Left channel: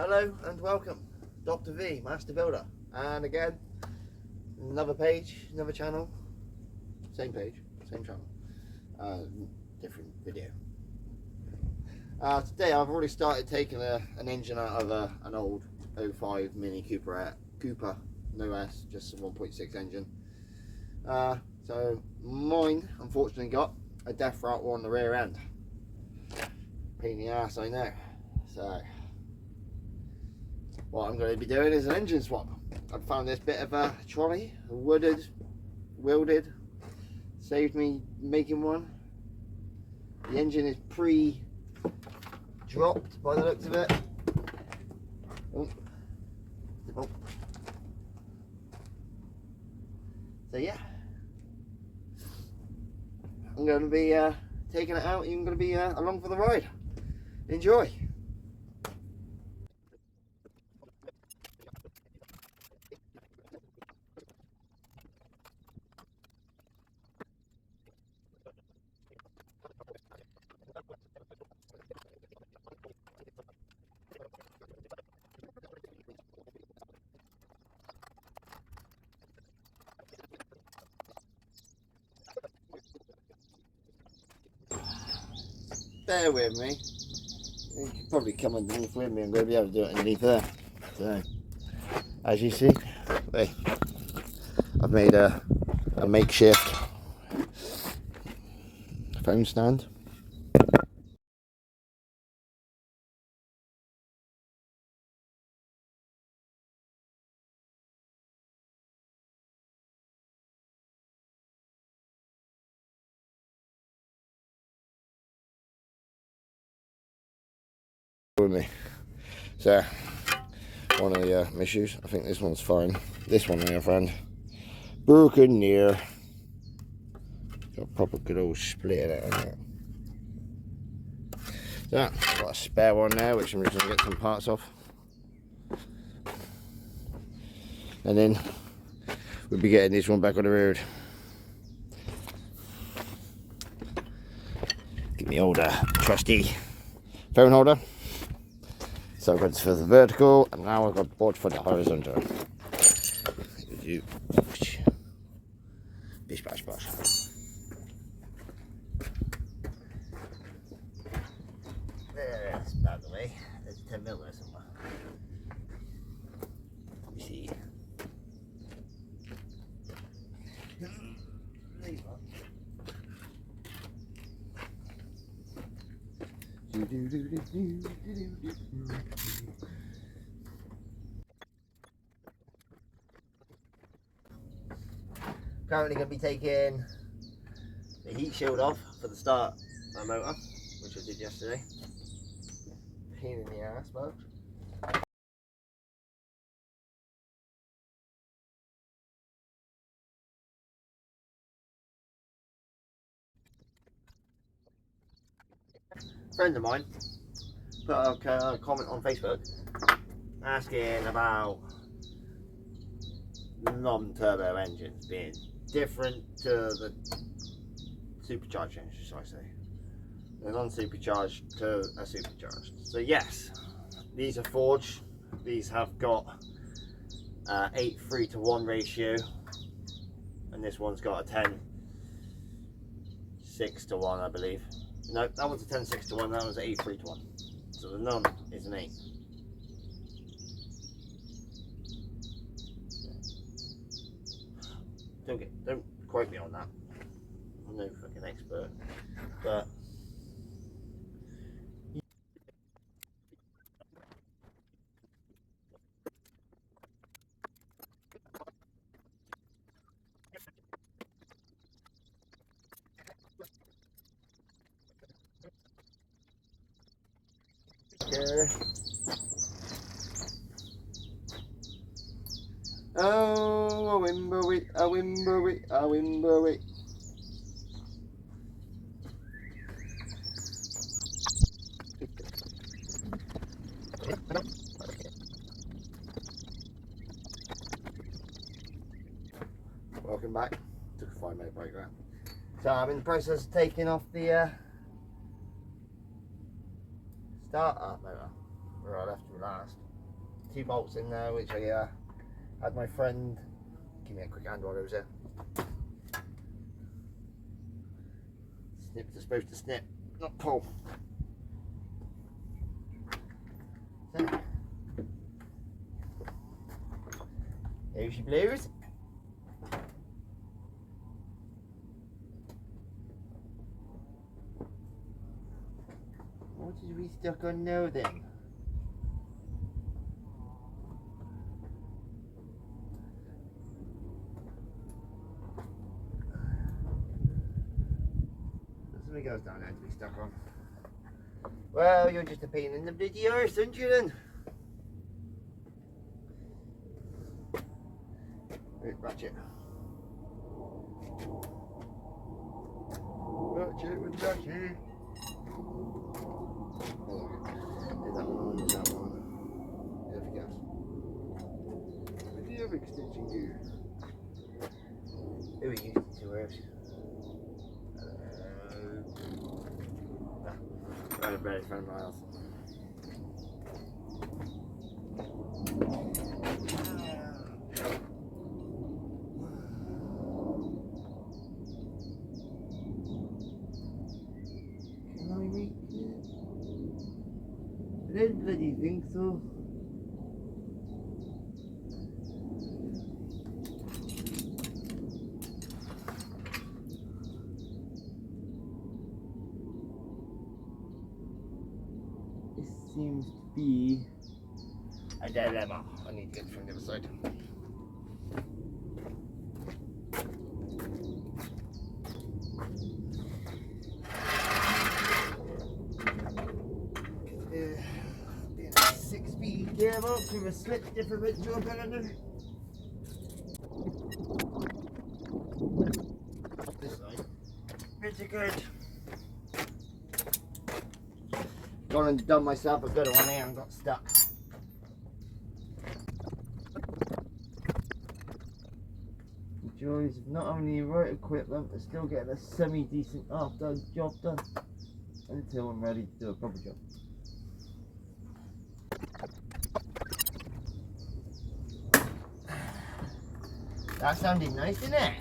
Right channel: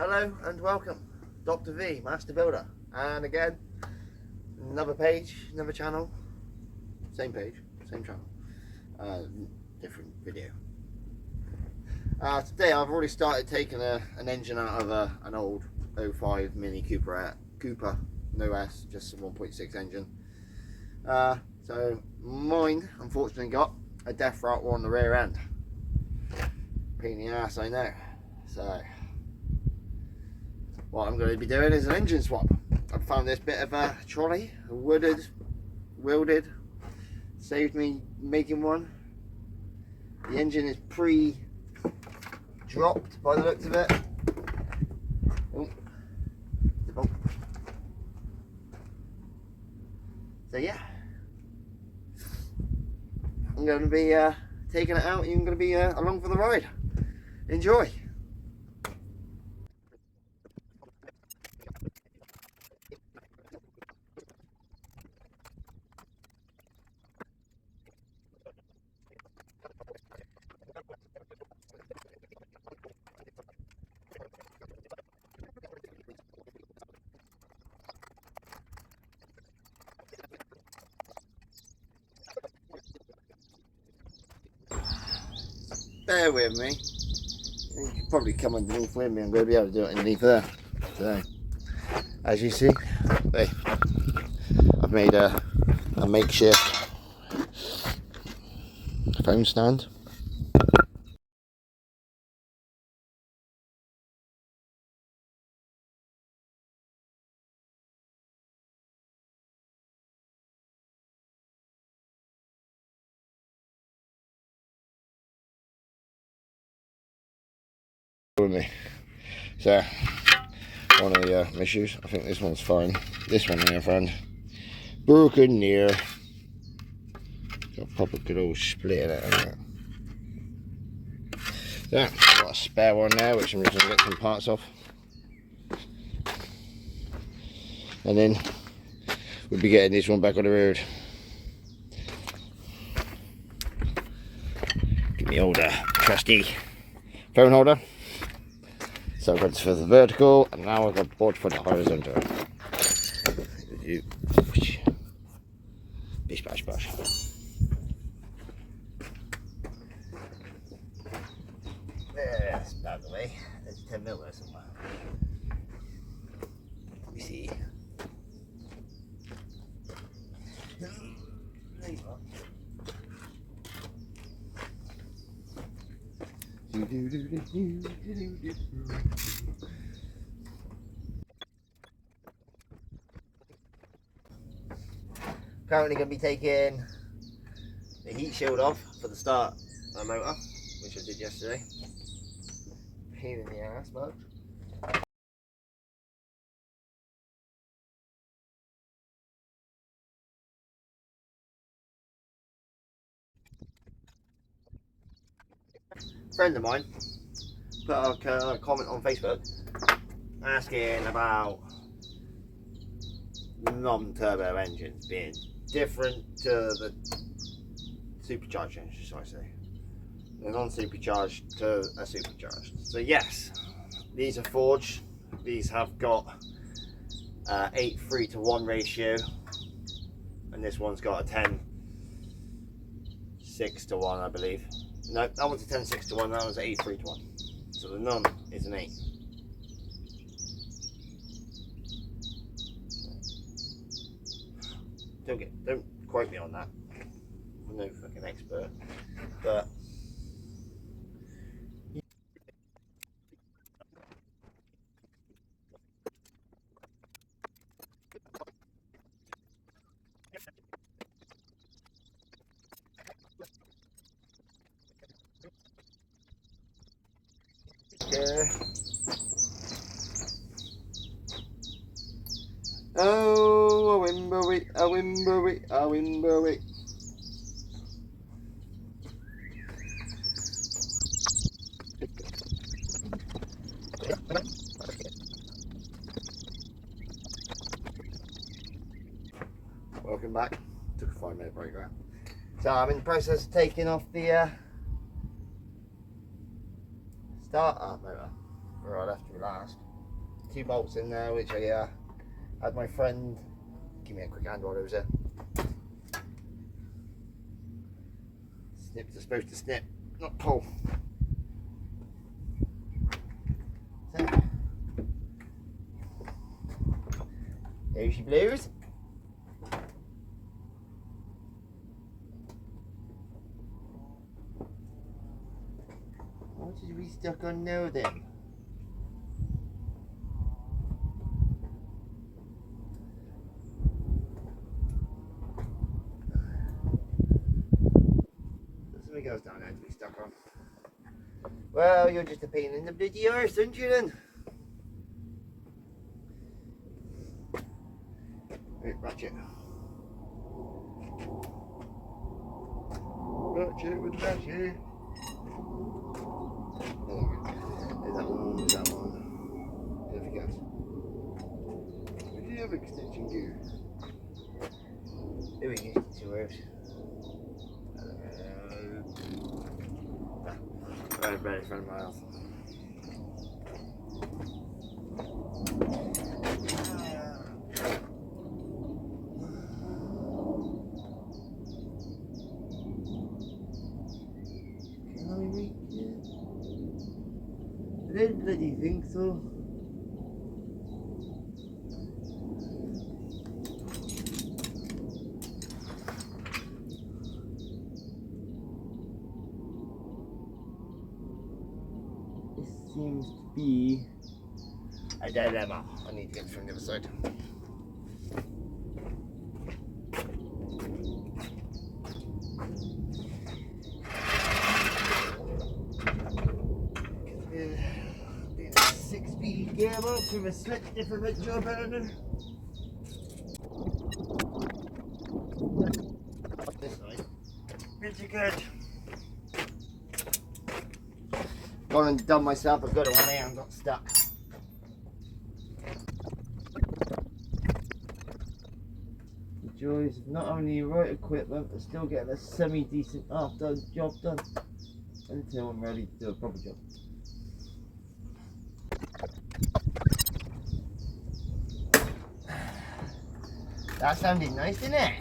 Hello and welcome, Dr. V, Master Builder, and again, another page, another channel, same page, same channel, different video. Today I've already started taking an engine out of an old 05 Mini Cooper, no S, just a 1.6 engine. So mine unfortunately got a death rattle on the rear end. Pain in the ass, I know. So what I'm going to be doing is an engine swap. I've found this bit of a trolley, a welded, saved me making one. The engine is pre-dropped by the looks of it. Oh. So yeah, I'm going to be taking it out. You're going to be along for the ride. Enjoy. Bear with me. You can probably come underneath with me. I'm going to be able to do it underneath there. So, as you see, I've made a makeshift phone stand. With me. So, one of the issues, I think this one's fine. This one here, friend, broken near. Got a proper good old split in it, hasn't it? So, got a spare one there, which I'm just going to get some parts off. And then we'll be getting this one back on the road. Get me old trusty phone holder. So I've got for the vertical, and now I've got board for the horizontal. Bish bash bash. There, that's about the way. There's 10 mil there somewhere. Let me see. There you are. Currently going to be taking the heat shield off for the start of the motor, which I did yesterday. Pain in the ass, folks. A friend of mine put a comment on Facebook asking about non-turbo engines being different to the supercharged engines, shall I say. The non-supercharged to a supercharged. So yes, these are forged. These have got 8:3:1 ratio, and this one's got a 10:6:1, I believe. No, that one's a 10:6:1. That one's an 8:3:1. So the non is an 8. Don't quote me on that. I'm no fucking expert, but oh, a wimberry, a wimberry, a wimberry. Welcome back. Took a 5-minute break there. So I'm in the process of taking off the start-up motor where I left you last. 2 bolts in there, which I had my friend give me a quick hand while I was there. Snips are supposed to snip, not pull. So, there she blows. What did we stuck on now then? Something goes down there to be stuck on. Well, you're just a pain in the bloody arse, aren't you then? Right, ratchet. Ratchet with ratchet. Oh, there's that one, there's that one. There's everything else. We do have extension gear. Who we used it to out? Right in front of my house. Can I reach it? I don't bloody think so. Seems to be a dilemma. I need to get from the other side. Being a 6-speed gearbox with a switch differential pattern. This side. Pretty good. Gone and done myself a good one here and got stuck. The joys of not only right equipment but still getting a semi-decent half-done job done until I'm ready to do a proper job. That sounded nice, didn't it?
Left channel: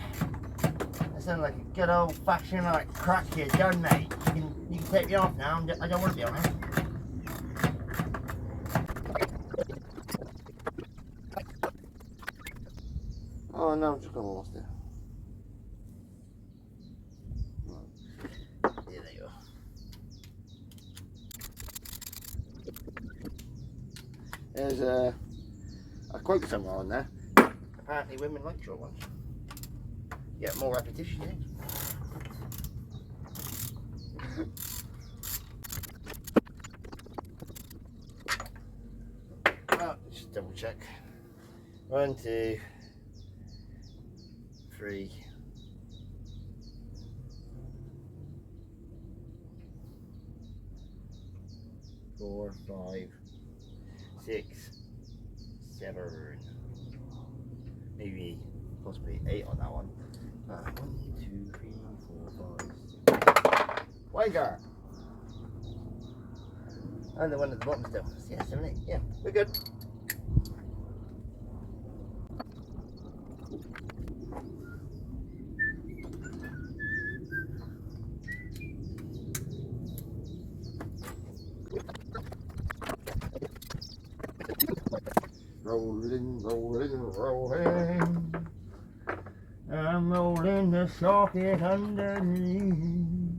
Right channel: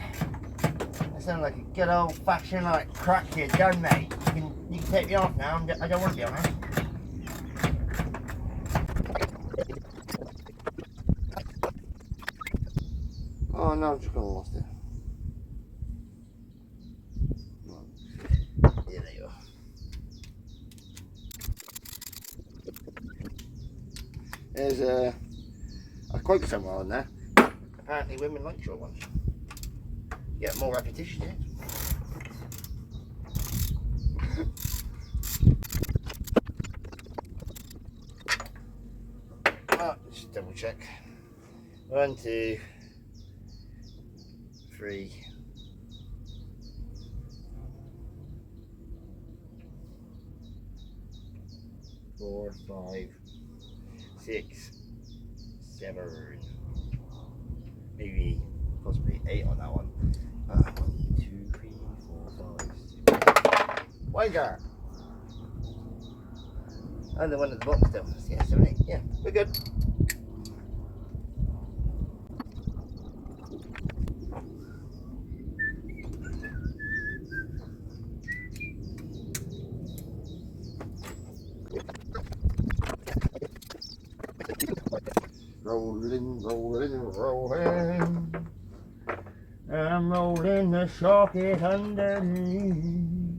That sounded like a good old-fashioned like crack here done, mate. You can take me off now. I don't want to be on it. Oh no, I've just got lost it. Yeah, there you are. There's a quote somewhere on there. Apparently women like short ones. Get more repetition, yeah. Just double check. 1, 2, 3. 4, 5, 6, 7. Maybe possibly 8 on that one. 1, 2, 3, 4, 5, 6. Wider. And the one at the bottom still. Yeah, 7, 8. Yeah, we're good. Rolling, rolling, rolling. I'm rolling the socket underneath.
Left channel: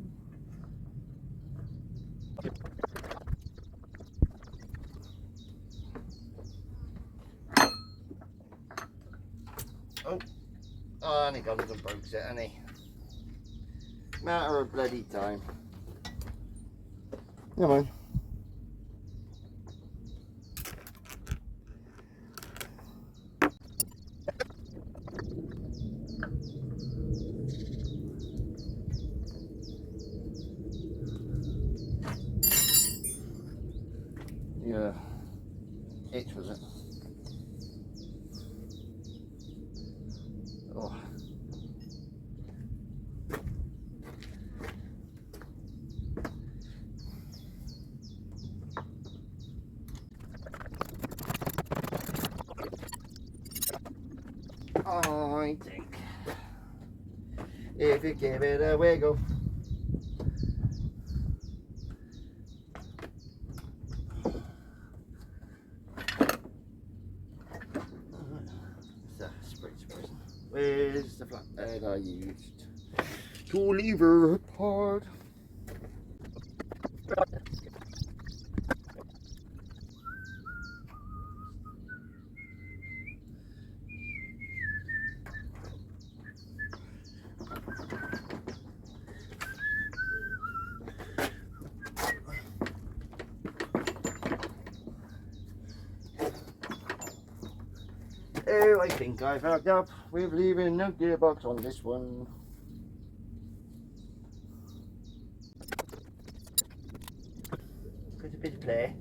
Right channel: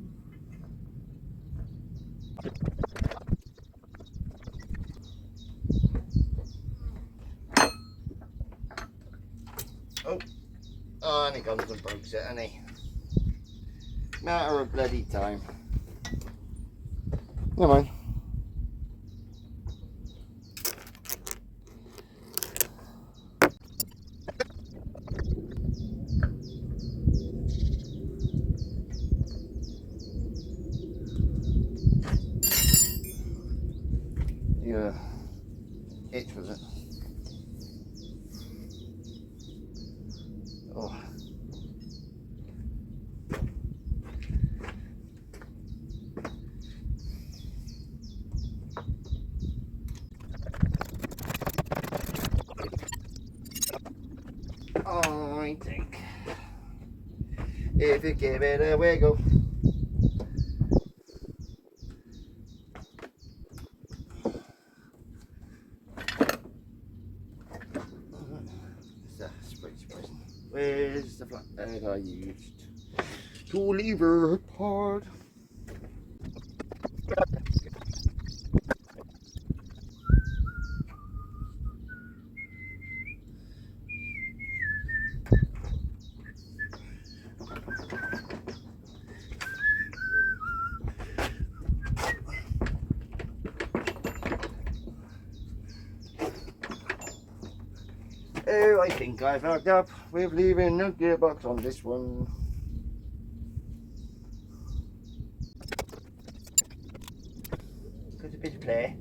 Oh, and he comes and breaks it, and he. Matter of bloody time. Never mind. Yeah. Itch, was it? Oh. I think if you give it a wiggle. Where's the flathead I used to lever apart? Oh, I think I fucked up with leaving the gearbox on this one. Got a bit of play.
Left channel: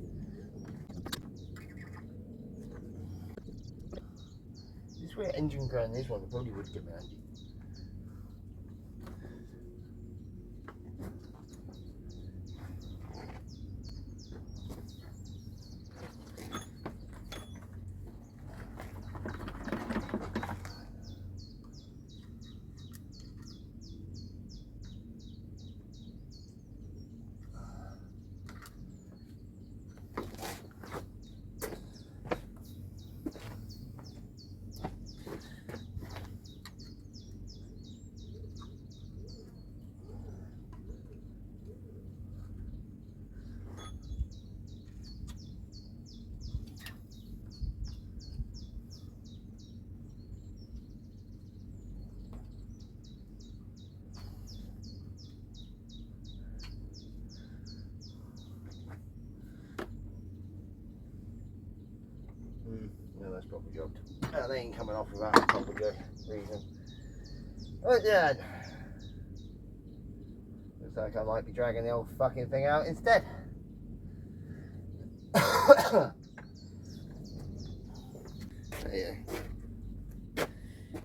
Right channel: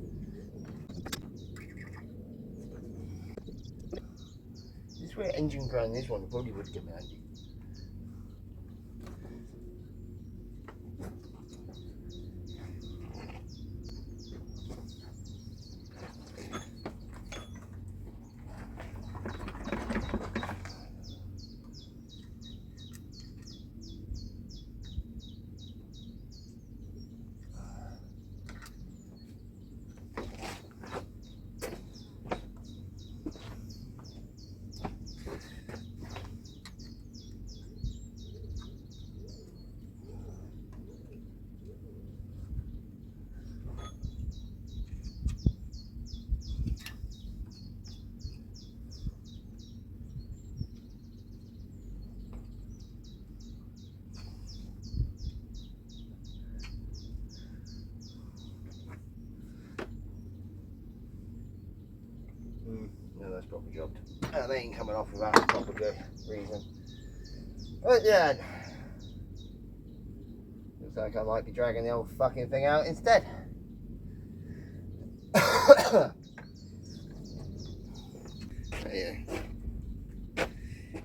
This way engine ground this one probably would come handy. No, that's proper jobbed. They ain't coming off without a proper good reason. But yeah, looks like I might be dragging the old fucking thing out instead. Yeah.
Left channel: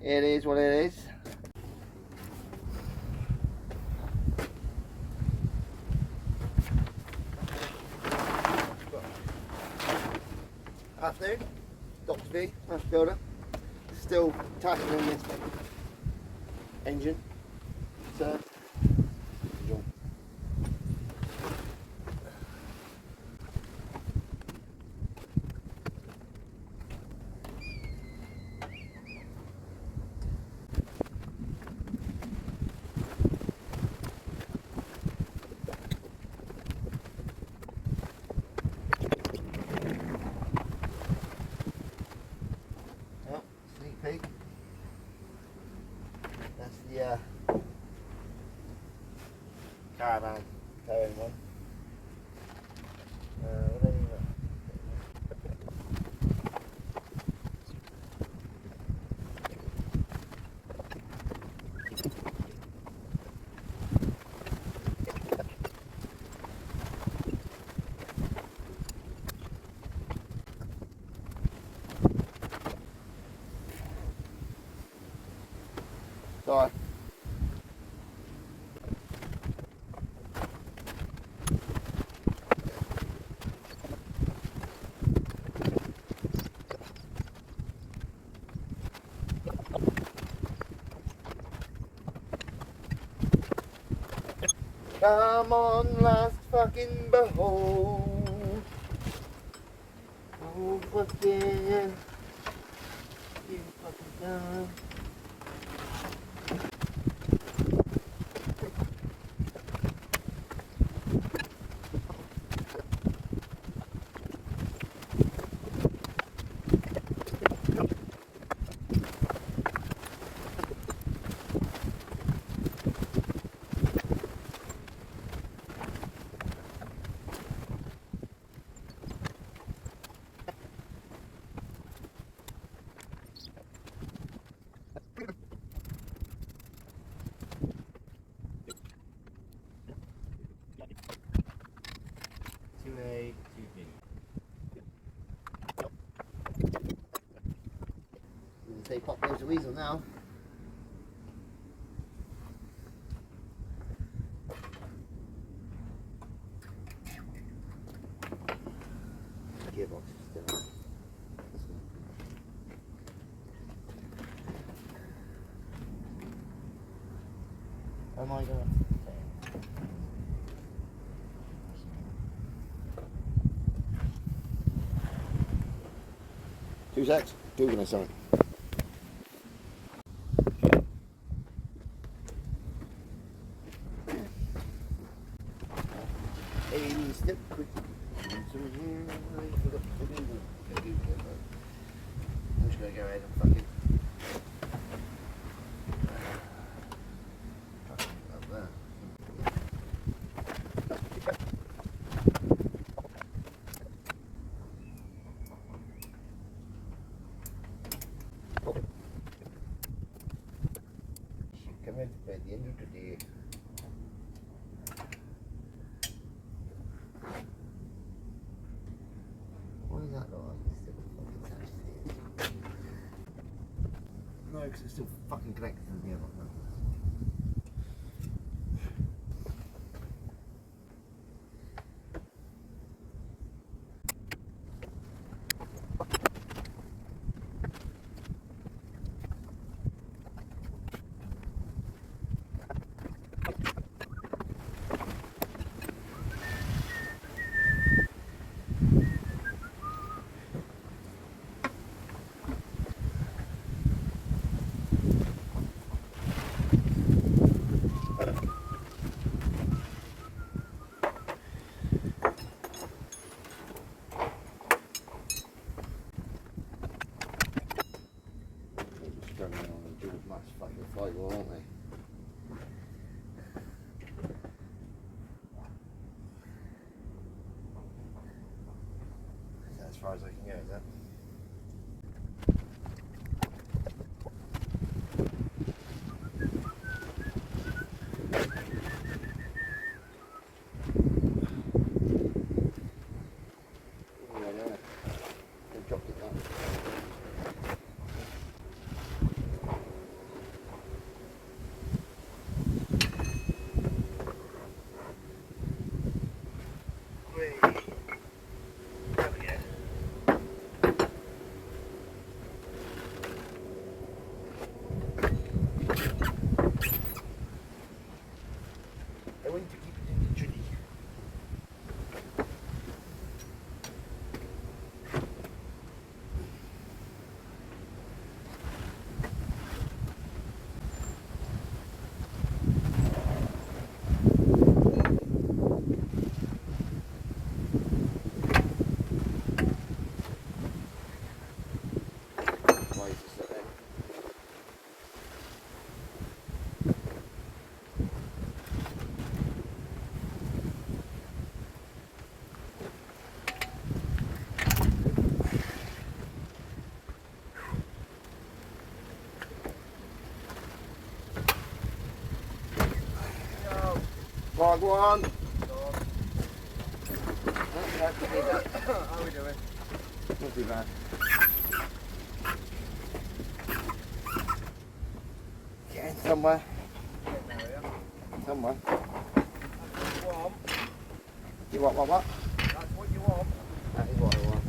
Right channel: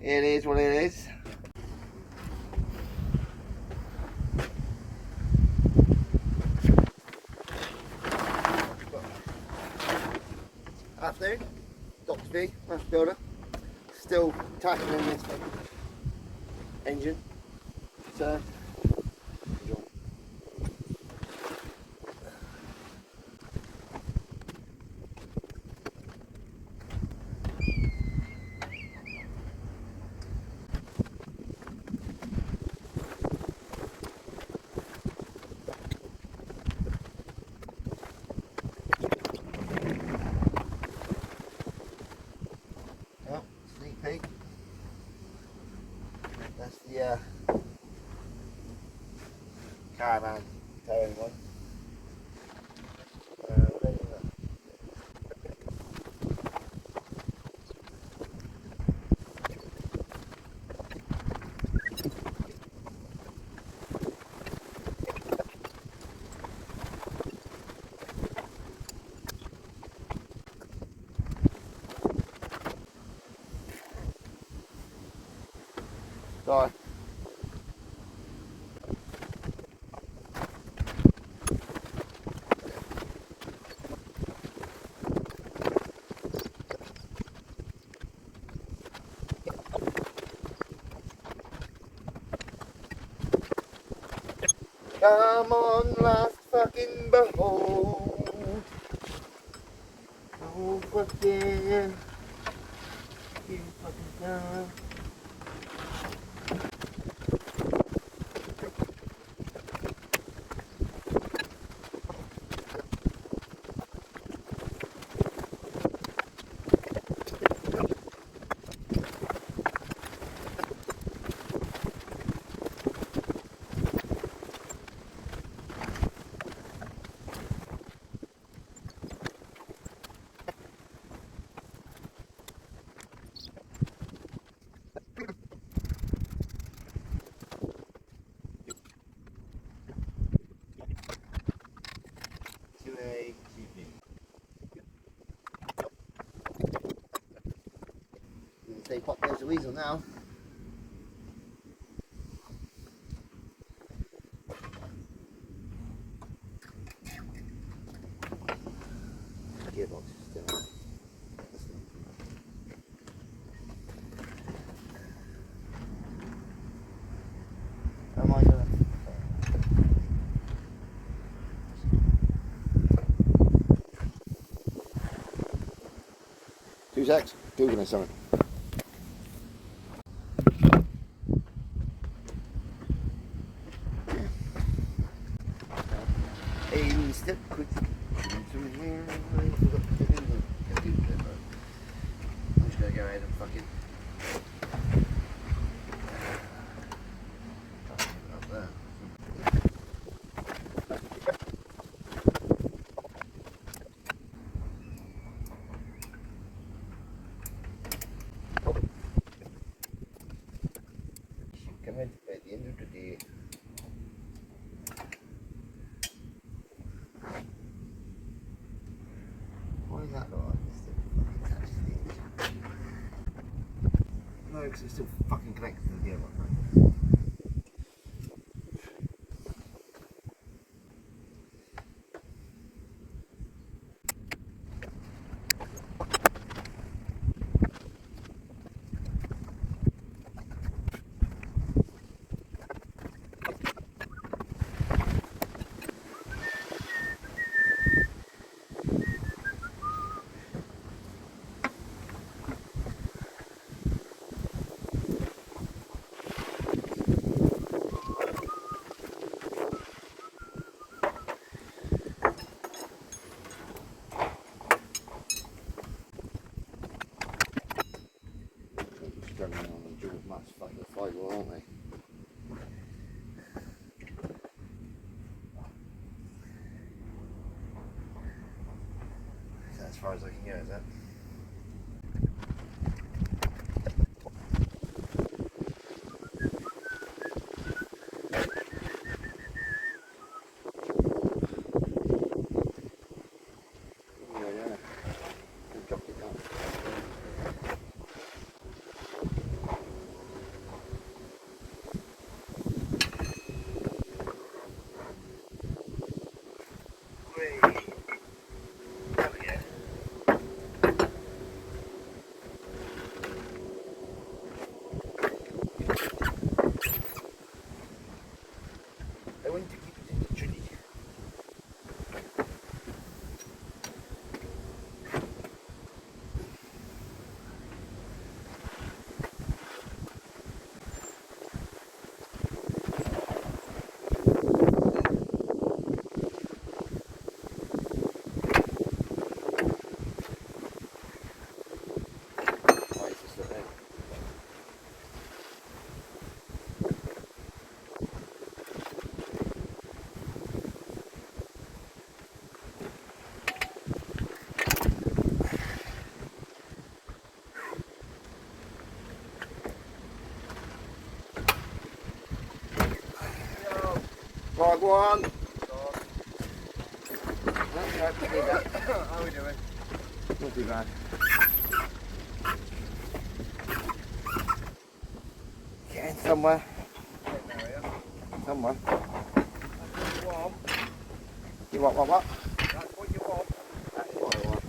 It is what it is. Afternoon, DRV.MasterBuilder, still tackling this engine. So, enjoy. Sneak peek. That's the caravan towing one. What is that? Sorry. Come on, last fucking behold. Oh, what yeah. You fucking done. Say pop there's a weasel now. Gearbox is still on. 2 secs. Googling something. A step quick. I'm just gonna go ahead and fucking try to put it up there. Come in by the end of the day. Why is that not still fucking attached to the edge? No, because it's still fucking connected to the other one. Struggling on the dual mass fucking flywheel, aren't they? Is that as far as I can go, is that? Yeah. I dropped it down. I want to keep it in the tree. Why is this still there? Go on. How are we doing? Not too bad. Getting somewhere. Getting there, yeah? Somewhere. That's what you want. You want what? That's what you want. That is what I want.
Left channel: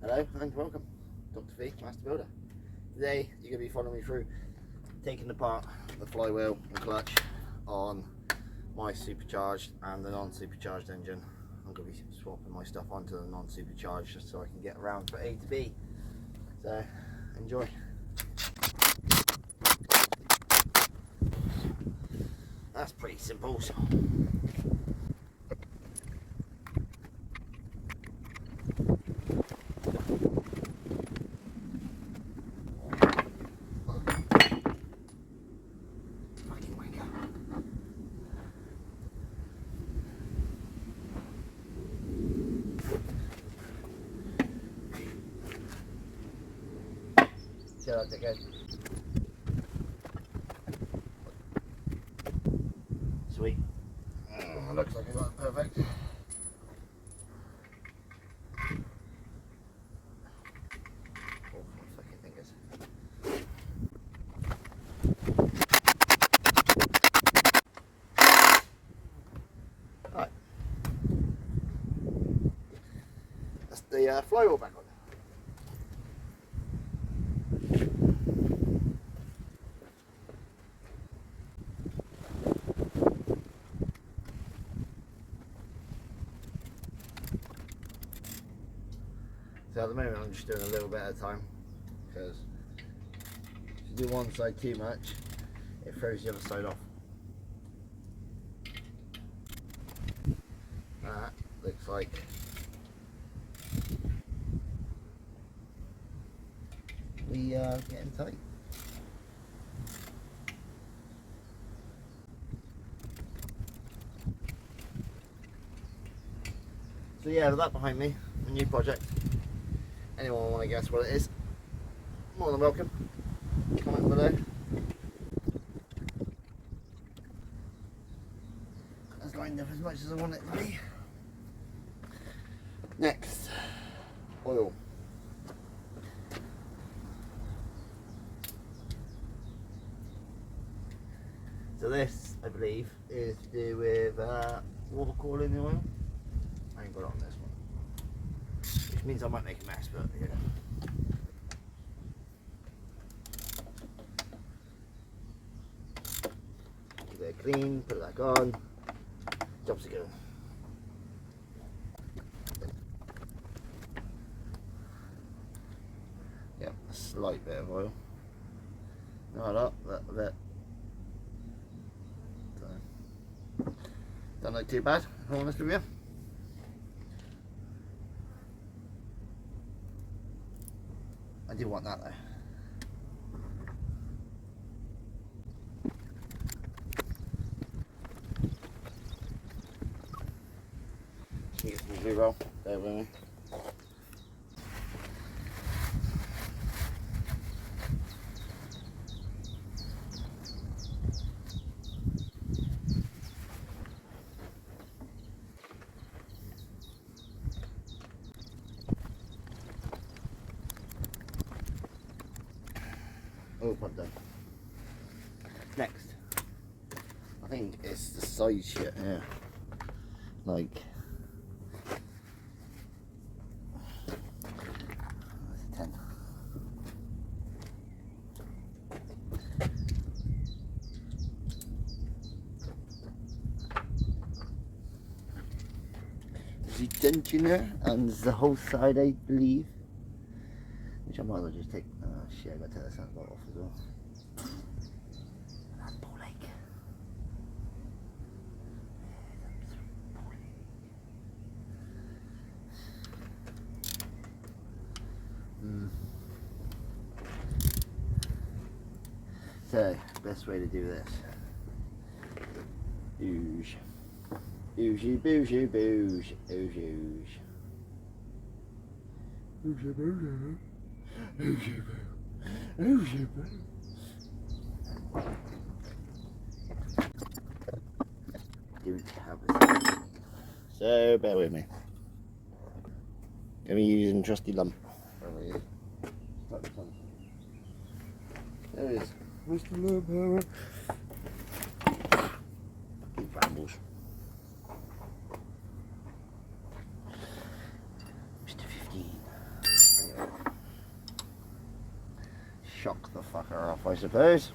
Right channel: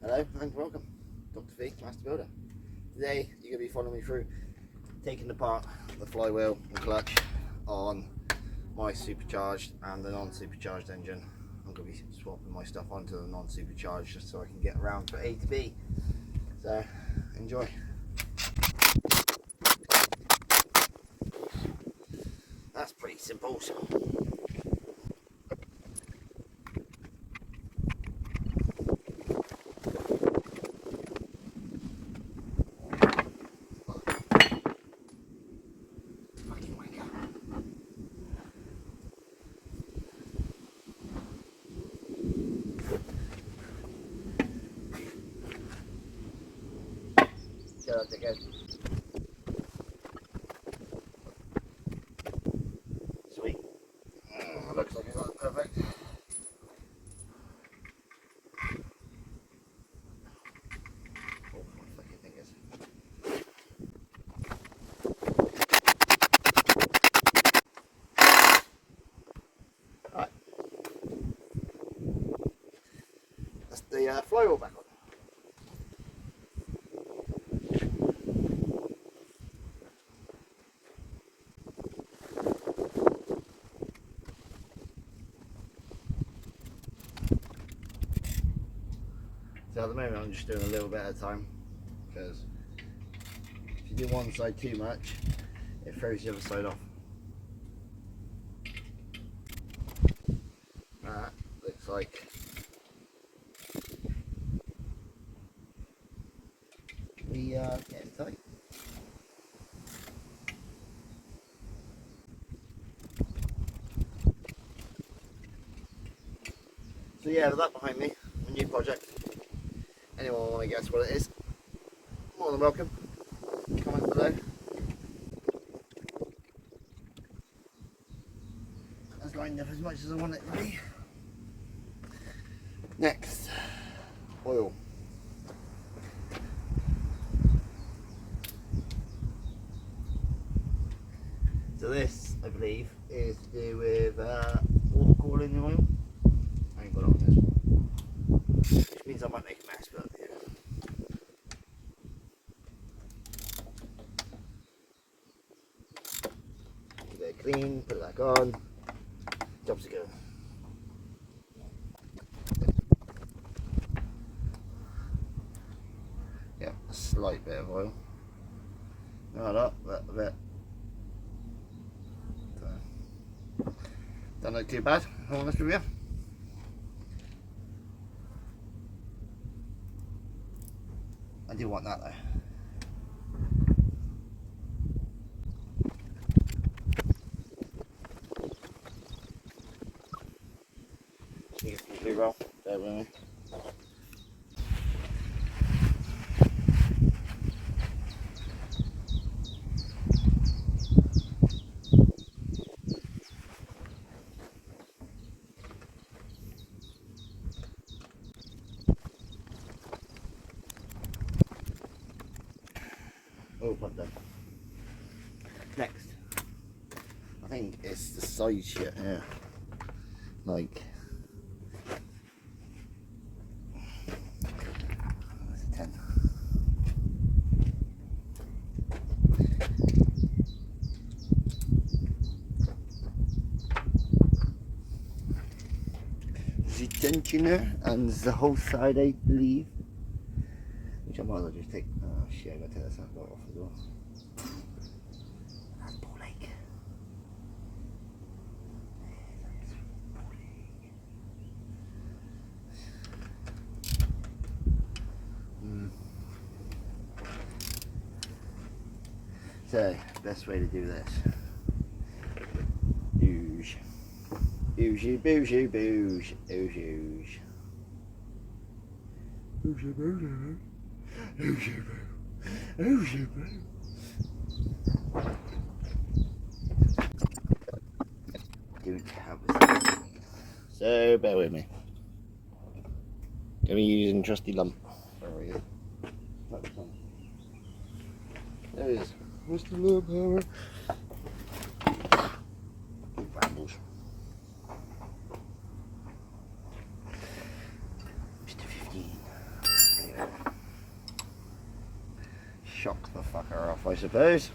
Hello and welcome, Dr. V, Master Builder. Today you're going to be following me through taking apart the flywheel and clutch on my supercharged and the non-supercharged engine. I'm going to be swapping my stuff onto the non-supercharged just so I can get around from A to B. So enjoy. That's pretty simple. See how that goes. Sweet. Looks like it got perfect. Oh, my fucking fingers. Alright. That's the flywheel back on. So at the moment I'm just doing a little bit at a time, because if you do one side too much, it throws the other side off. That looks like we are getting tight. So yeah, with that behind me, a new project. Anyone want to guess what it is? More than welcome. Comment below. That's lined up as much as I want it to be. Next, oil. So this, I believe, is to do with water cooling the oil. I ain't got it on this one, which means I might make a mess, but yeah. Give it a clean, put it back on, jobs are going. Yep, a slight bit of oil. Not a lot, but a bit. So, don't look too bad, if I'm honest with you. I do want that though. See if it's well. Bear with me. Oh, pop down. Next, I think it's the size shit here. Like, that's a 10. The tensioner and the whole side, I believe. Which I might as well just take. Oh shit, I gotta take that soundbar off as well. That's ball leg. So, best way to do this. Ooge. Ooge, booge, booge, ooge, ooge. Ooge, booge, ooge, boo. Ooge, boo. Don't have a so bear with me. Gonna be using trusty lump. Oh yeah. There it is. Mr. Lump Hammer. Rambles. Mr. 15. Yeah. Shock the fucker off, I suppose.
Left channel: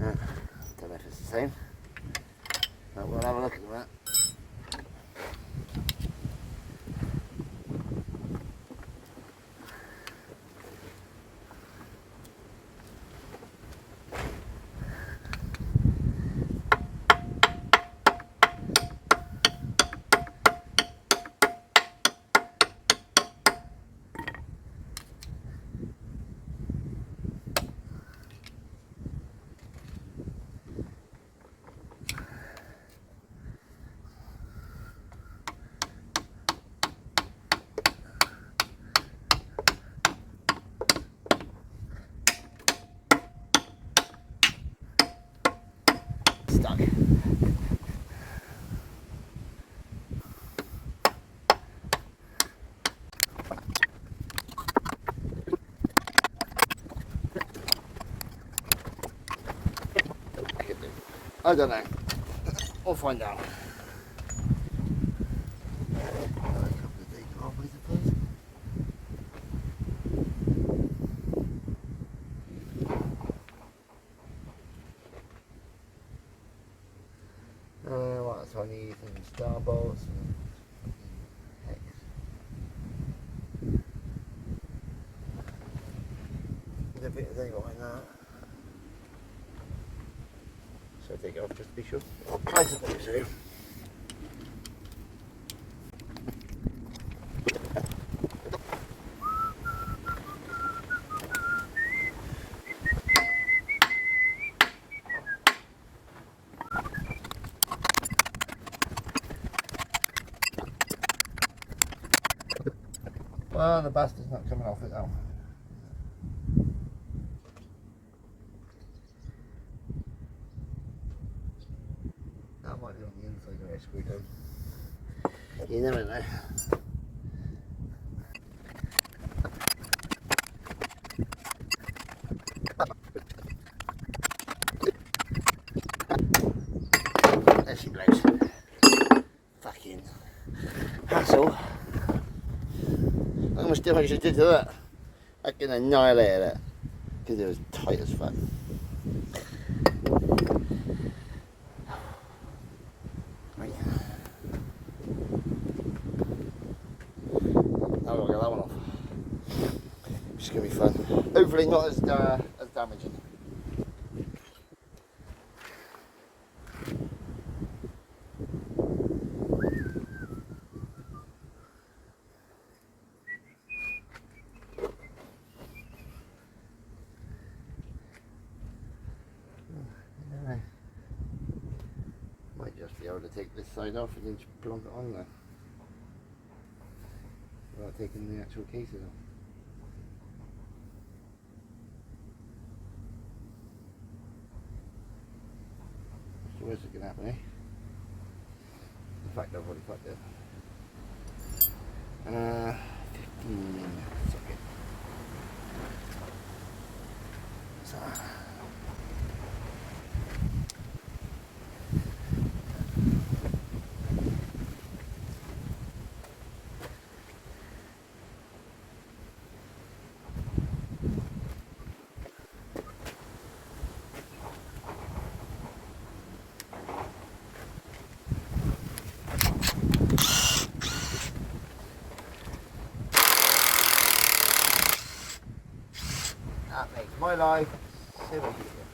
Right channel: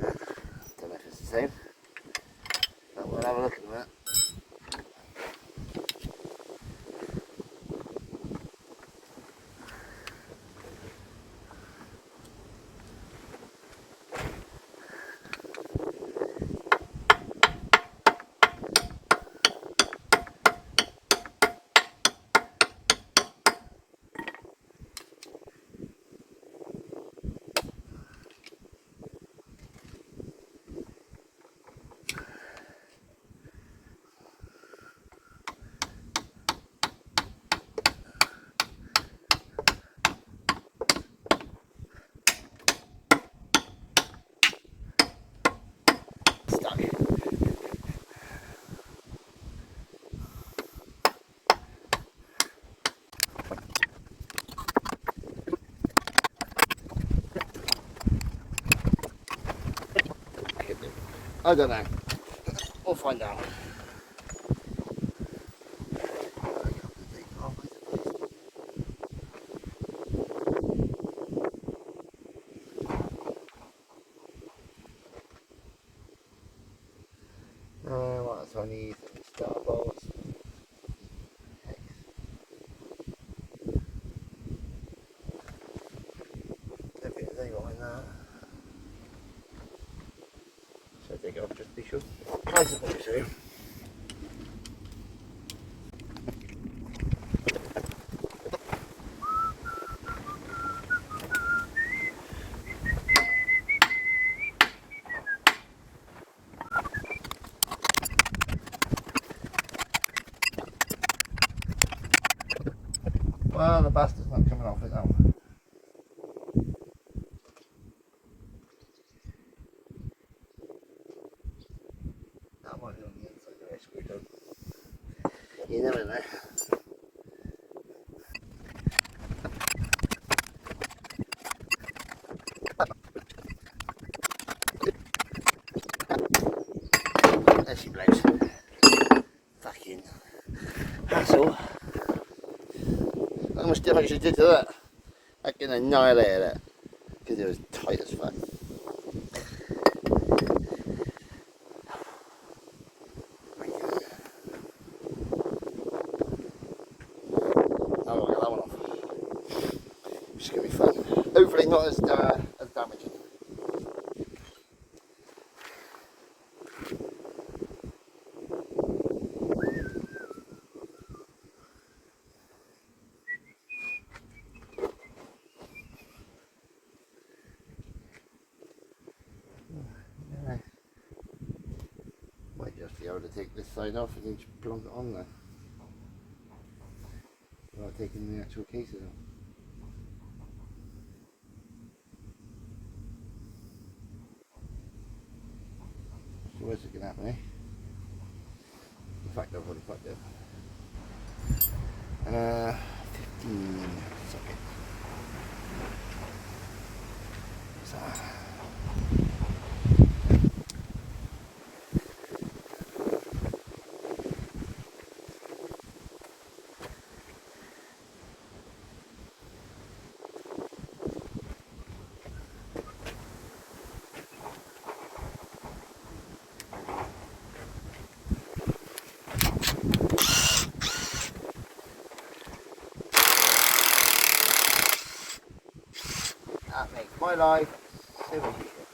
Don't know if it's the same, but we'll have a look at that. Stuck. I don't know. We'll find out. What else I need? Some star bolts. Hex. I don't think there's any behind that. So take it off just to be sure. I suppose so. Well, the bastard's not coming off it now. That might be on the inside of it screwed down. You never know. There she blows. Fucking hassle. How much damage she did to that? I can annihilate it. Because it was tight as fuck. I'll get that one off. It's going to be fun. Hopefully not as damaging. Might just be able to take this side off and then just plonk it on there without taking the actual cases off. So where's it going to happen, eh? In fact, I've already plugged it. 15 sockets. So. That makes my life so much easier.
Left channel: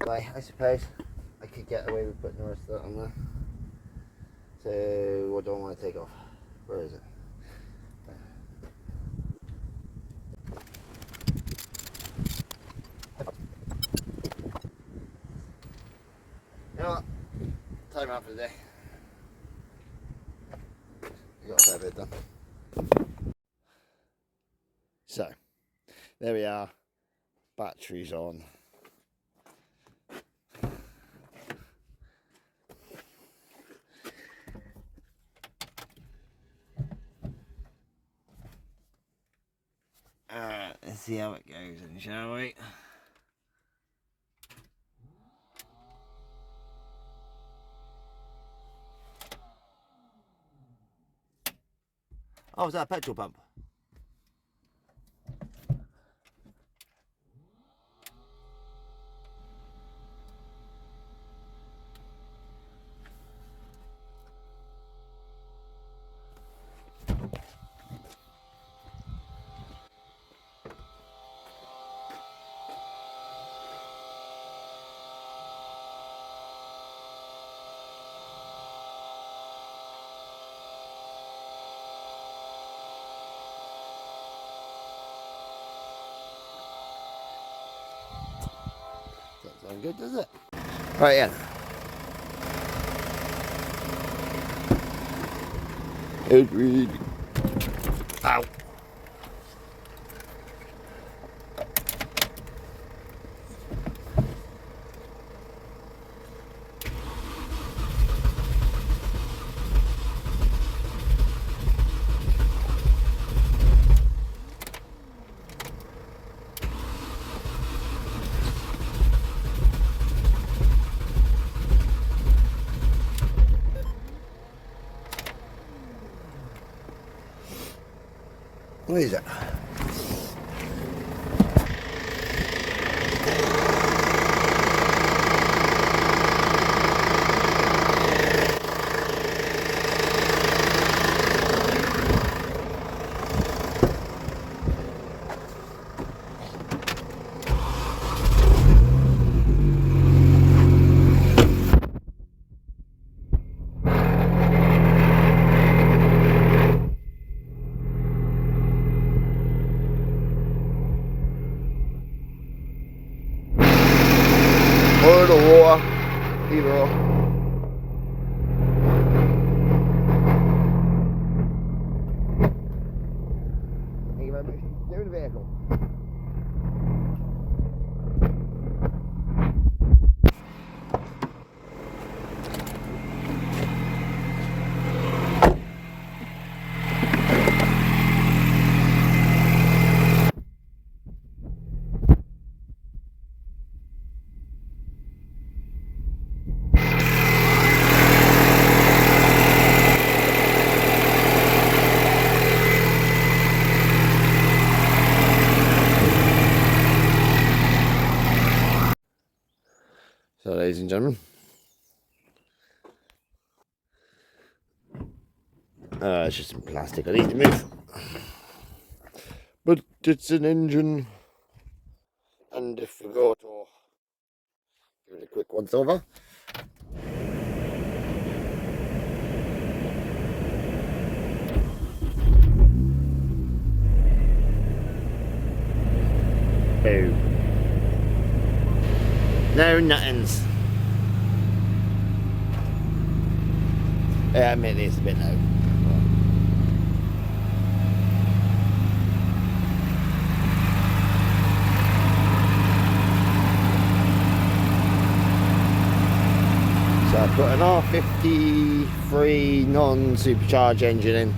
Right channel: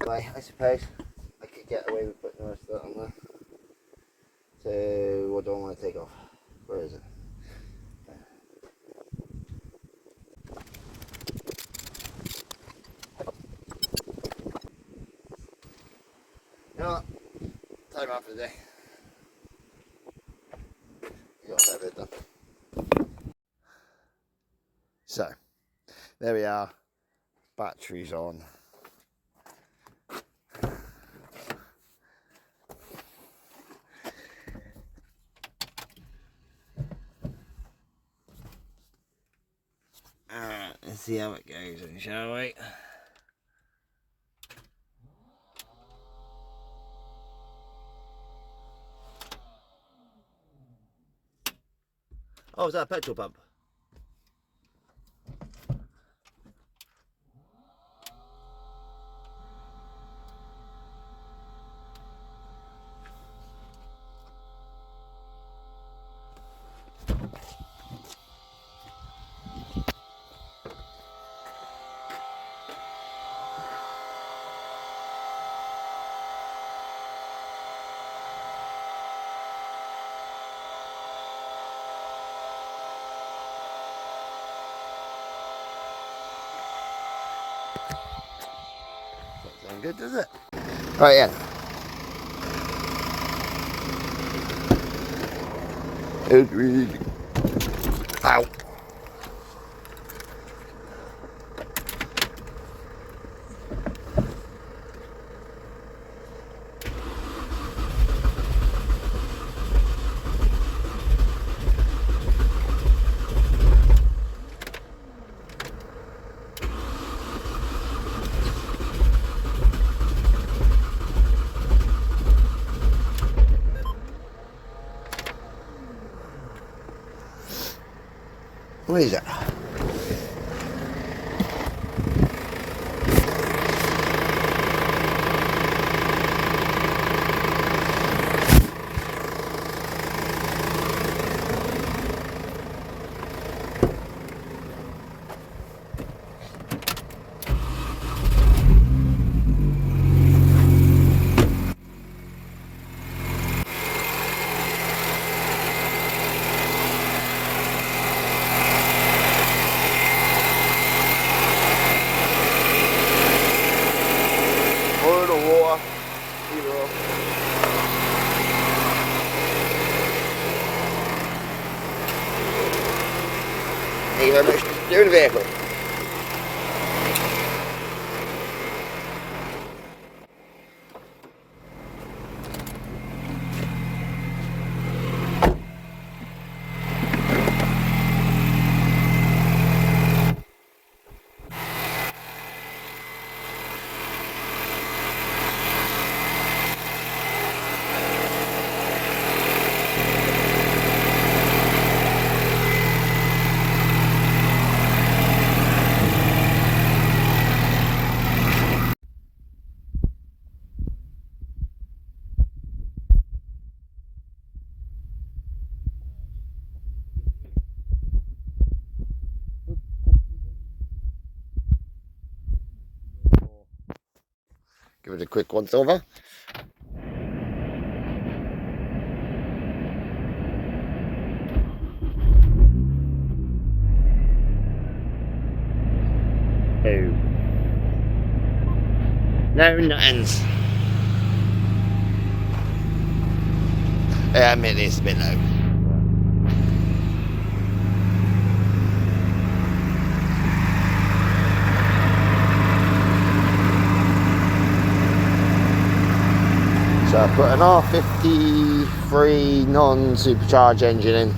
Anyway, I suppose I could get away with putting the rest of that on there. So what do I want to take off? Where is it? You know what? Time out for the day. Got that bit done. So, there we are. Batteries on. Let's see how it goes then, shall we? Oh, is that a petrol pump? Doesn't sound good, does it? Right, yeah. Ow. What is that? Oil or water, either or. Thank you very much for doing the vehicle. So, ladies and gentlemen, it's just some plastic I need to move, but it's an engine, and if we go to give it a quick once over. No nothings. Yeah, I admit it's a bit low. So I put an R53 non-supercharged engine in.